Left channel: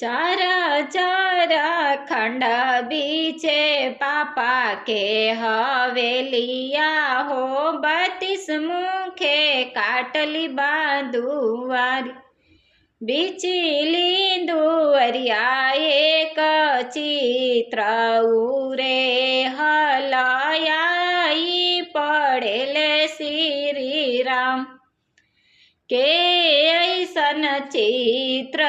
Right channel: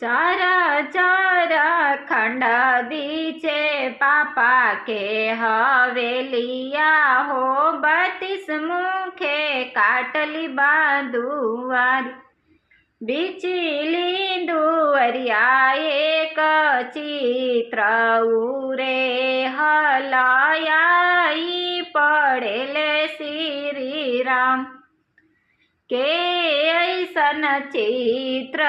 चर खंड बीचे पापा के हवेलिया हो 32 मुखे काटली बांधुवारी बीचली दुवरिया एक चित्र उरे हलयाई पड़ेले श्री राम के ऐसन चित्र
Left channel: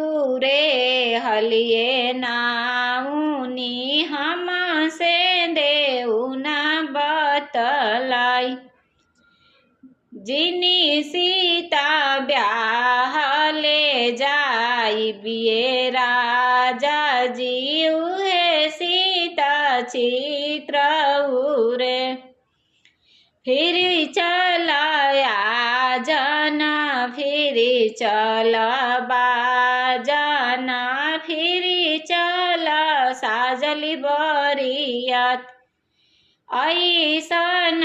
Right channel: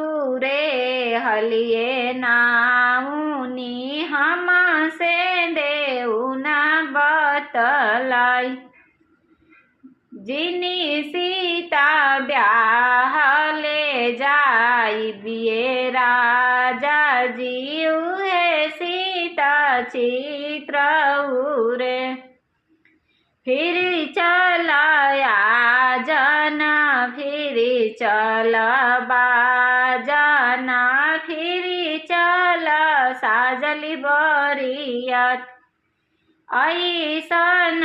उरे हलिए नाउनी हम से देउना बतलाई जिनी सीता ब्याह ले जाई बिये राजा जी उहे सीता चित्र उरे फिर चलाया जना फिर चल बाजना फिर चल साजली बरियात ऐसन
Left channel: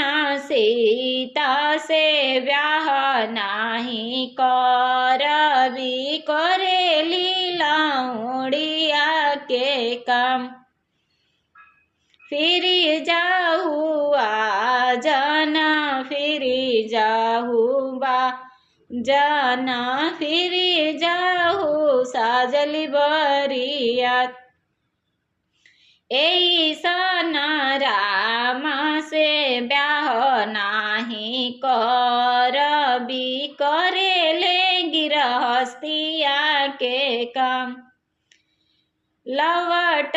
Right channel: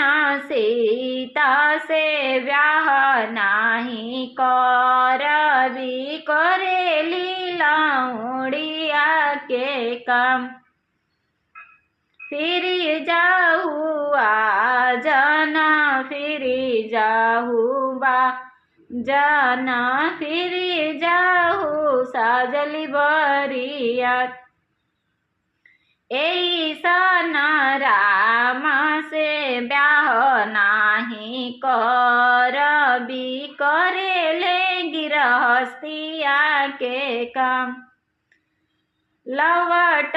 सीता से ब्याह नाही करबी करेली लाउड़िया के काम फिर जाहुआ जना फिर जाहुबा जना फिर जाहु साजली बरियात ऐसन राम से ब्याह नाही करबी करेले गिरहस्तिया के काम लवट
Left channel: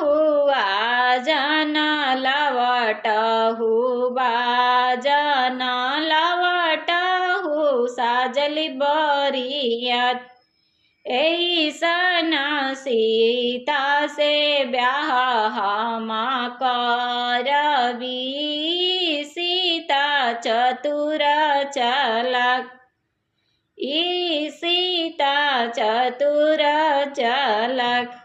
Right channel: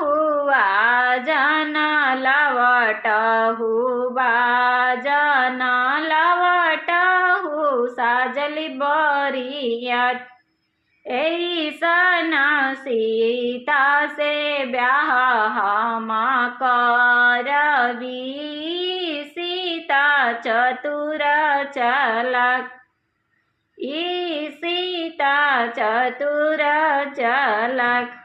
हुआ जना लवट हुआ जना लवट हु साजली बरियात ऐसन सीता से ब्याह हम करबी सीता चतुर चलाक ई सीता चतुर चलाक।